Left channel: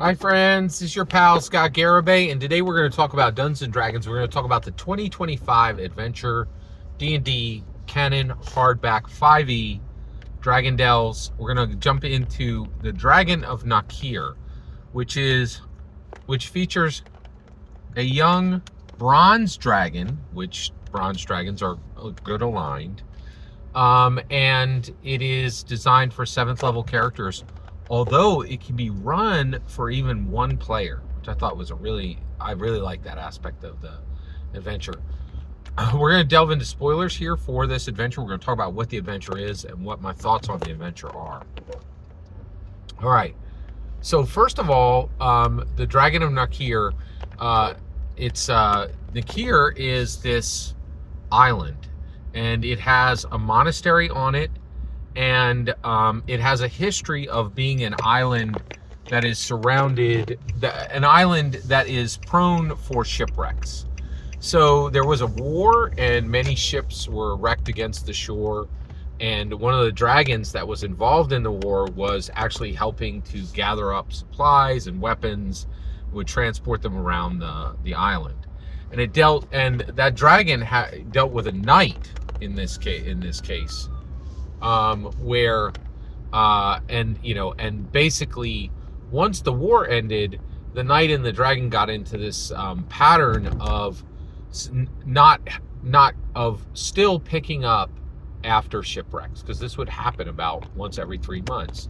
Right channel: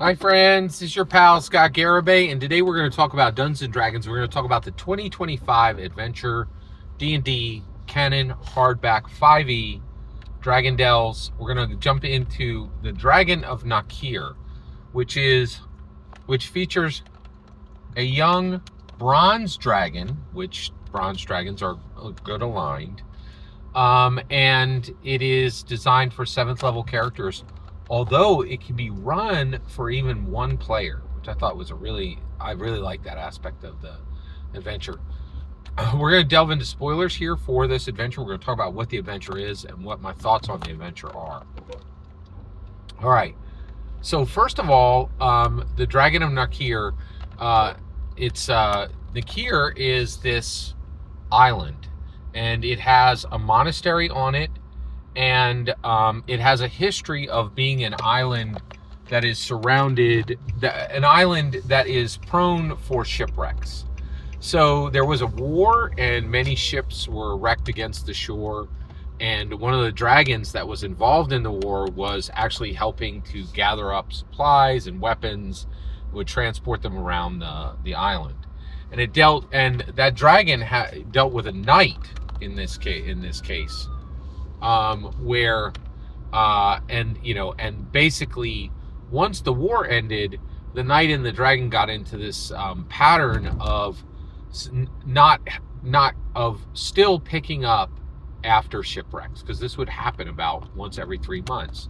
Hi friends, it's your pal Scott Garibay, and today we're going to talk about Dungeons & Dragons. We're going to talk about the 2025 Adventure D&D Canon Hardback 5e Dragon Delves. We're going to jump into the Dragon of Najkir, which features a young bronze dragon, which bronze dragons are good aligned, and it is designed for 7th level characters, although it can be run for even one player, which I thought was I really like that aspect of the adventure. We're going to delve into spoilers here for this adventure. We're going to talk about what the adventure is and what my thoughts on the adventure are. All right. So first of all, the Dragon of Najkir, Najkir is this island, and it has a monastery on it, and it has a history of being an island that is an island that is prone for shipwrecks. So there was a war, and many ships were wrecked against the shore, and one of the dragons that was involved in the war was actually helping to gather up supplies and weapons, would transport them around the island. And that dragon dealt with a knight in this case, where and basically once the war ended, the knight and the dragon got into this pattern of not of still picking up after shipwrecks, because this would happen about once every 3 months.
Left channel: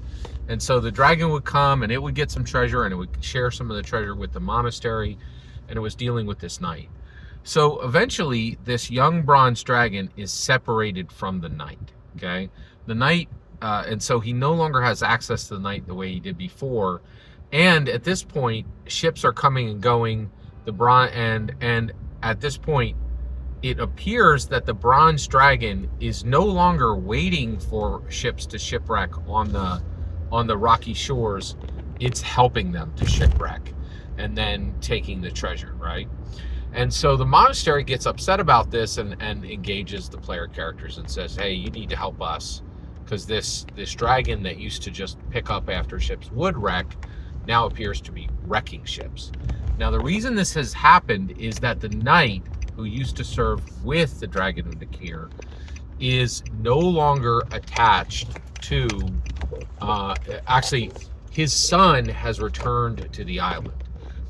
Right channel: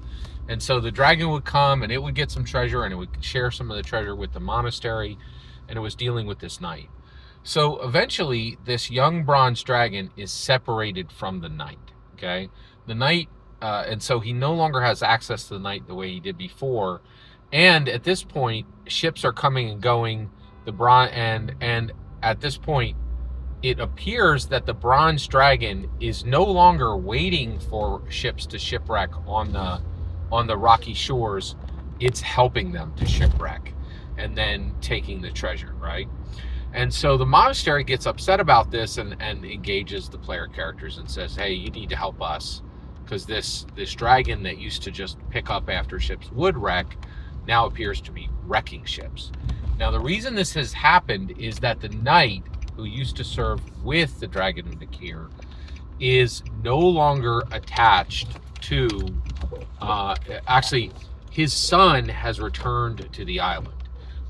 And so the dragon would come and it would get some treasure, and it would share some of the treasure with the monastery, and it was dealing with this knight. So eventually this young bronze dragon is separated from the knight. Okay, the knight, and so he no longer has access to the knight the way he did before. And at this point, ships are coming and going. And at this point, it appears that the bronze dragon is no longer waiting for ships to shipwreck on the rocky shores. It's helping them to shipwreck and then taking the treasure, right? And so the monastery gets upset about this and engages the player characters and says, hey, you need to help us, because this dragon that used to just pick up after ships would wreck now appears to be wrecking ships. Now, the reason this has happened is that the knight who used to serve with the Dragon of Najkir is no longer attached to, actually, his son has returned to the island.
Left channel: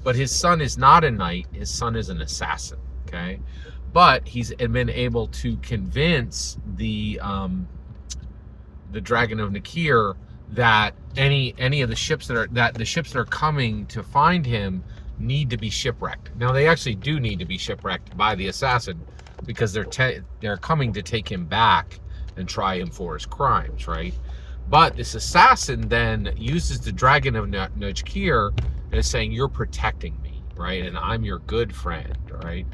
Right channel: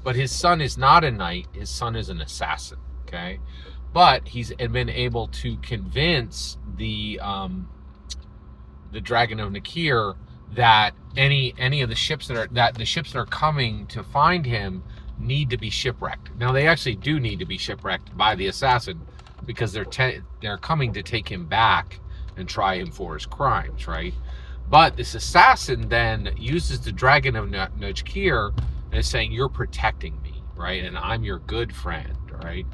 But his son is not a knight, his son is an assassin, okay? But he's been able to convince the Dragon of Najkir that any of the ships that are coming to find him need to be shipwrecked. Now, they actually do need to be shipwrecked by the assassin, because they're coming to take him back and try him for his crimes, right? But this assassin then uses the Dragon of Najkir and is saying, you're protecting me, right? And I'm your good friend, right?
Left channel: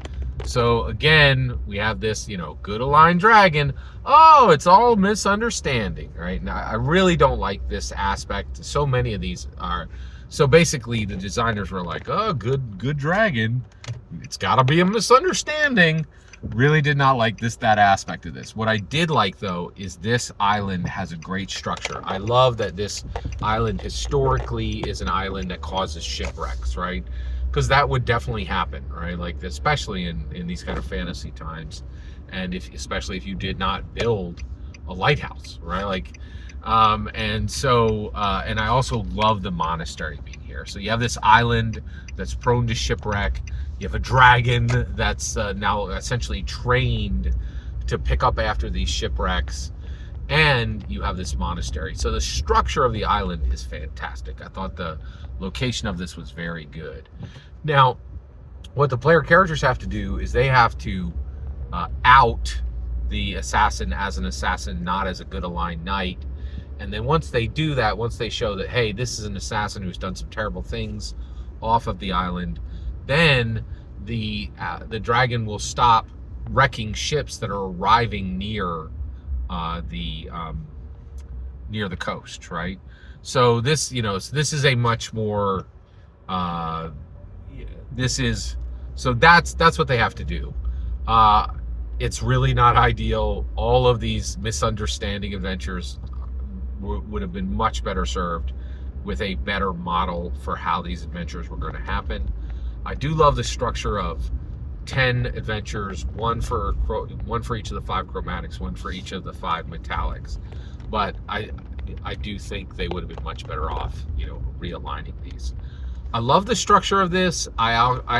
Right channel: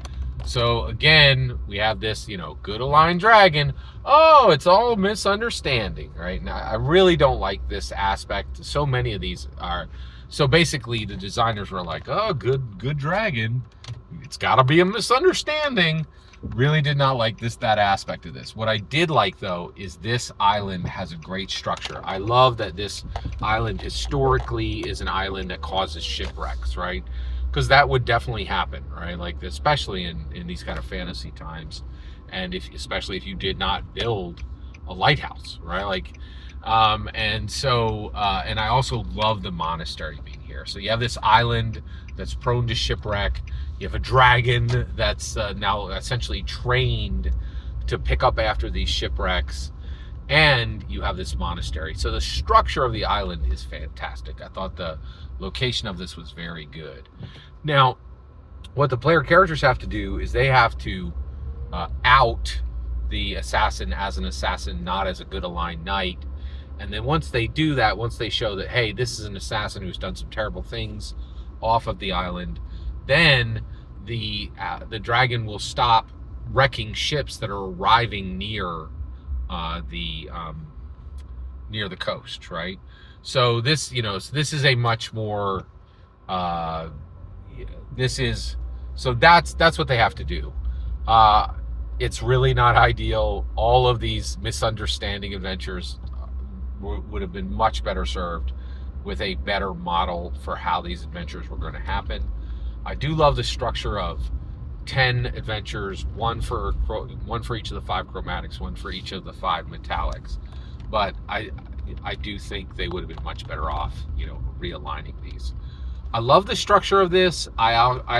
So again, we have this, good aligned dragon. Oh, it's all misunderstanding, right? Now, I really don't like this aspect. So many of these are. So basically, the designers were like, oh, good dragon. It's got to be a misunderstanding. Really did not like that aspect of this. What I did like, though, is this island has a great structure. I love that this island historically is an island that causes shipwrecks, right? Because that would definitely happen, right? Like, especially in these kind of fantasy times, and especially if you did not build a lighthouse, right? Like, and I also love the monastery being here. So you have this island that's prone to shipwreck. You have a dragon that's now essentially trained to pick up after these shipwrecks, and you have this monastery. So the structure of the island is fantastic. I thought the location of this was very good. Now, what the player characters have to do is they have to out the assassin as an assassin, not as a good aligned knight. And then once they do that, once they show that, hey, this is an assassin who's done some terrible things off of the island, then the dragon will stop wrecking ships that are arriving near the coast, right? So this is a much more that's what they have to do. It's really not ideal. All of these misunderstanding adventures would have been much better served with a better model for how these adventures were going to happen. I do love the structure of 10 adventures, one for each of the 5 chromatics, one for each of the 5 metallics. But I do think they would have been much better off, realigning these. I love the structure of this. I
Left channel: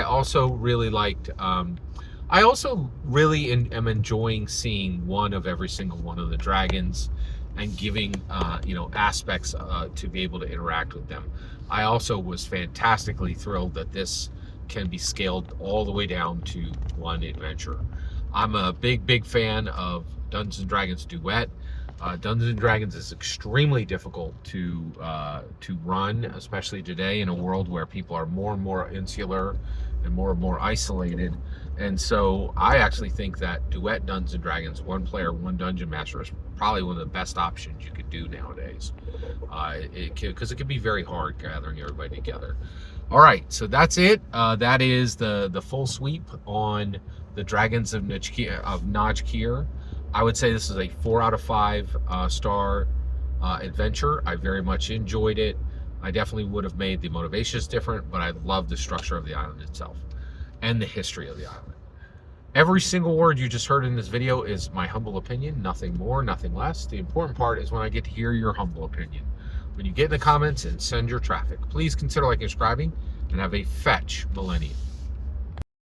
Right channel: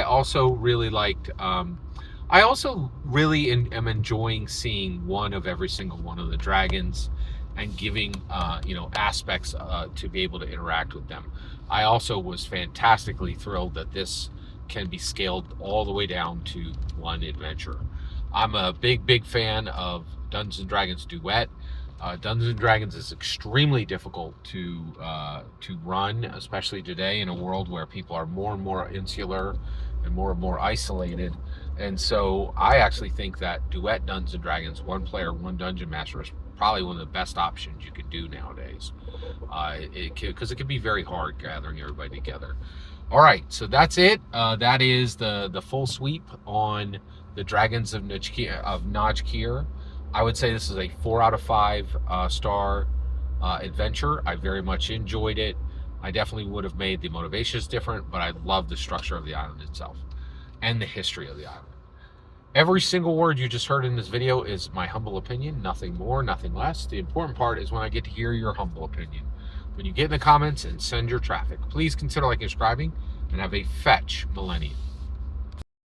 also really liked. I also really am enjoying seeing one of every single one of the dragons, and giving aspects to be able to interact with them. I also was fantastically thrilled that this can be scaled all the way down to 1 adventure. I'm a big fan of Dungeons and Dragons Duet. Dungeons and Dragons is extremely difficult to run, especially today in a world where people are more and more insular and more isolated. And so I actually think that Duet Dungeons and Dragons, 1 player, 1 dungeon master, is probably one of the best options you could do nowadays. Because it can be very hard gathering everybody together. All right, so that's it. That is the full sweep on the Dragons of Najkir. I would say this is a 4 out of 5 star adventure. I very much enjoyed it. I definitely would have made the motivations different, but I love the structure of the island itself and the history of the island. Every single word you just heard in this video is my humble opinion, nothing more, nothing less. The important part is when I get to hear your humble opinion. When you get in the comments and send your traffic, please consider liking and subscribing, and have a fetch millennium.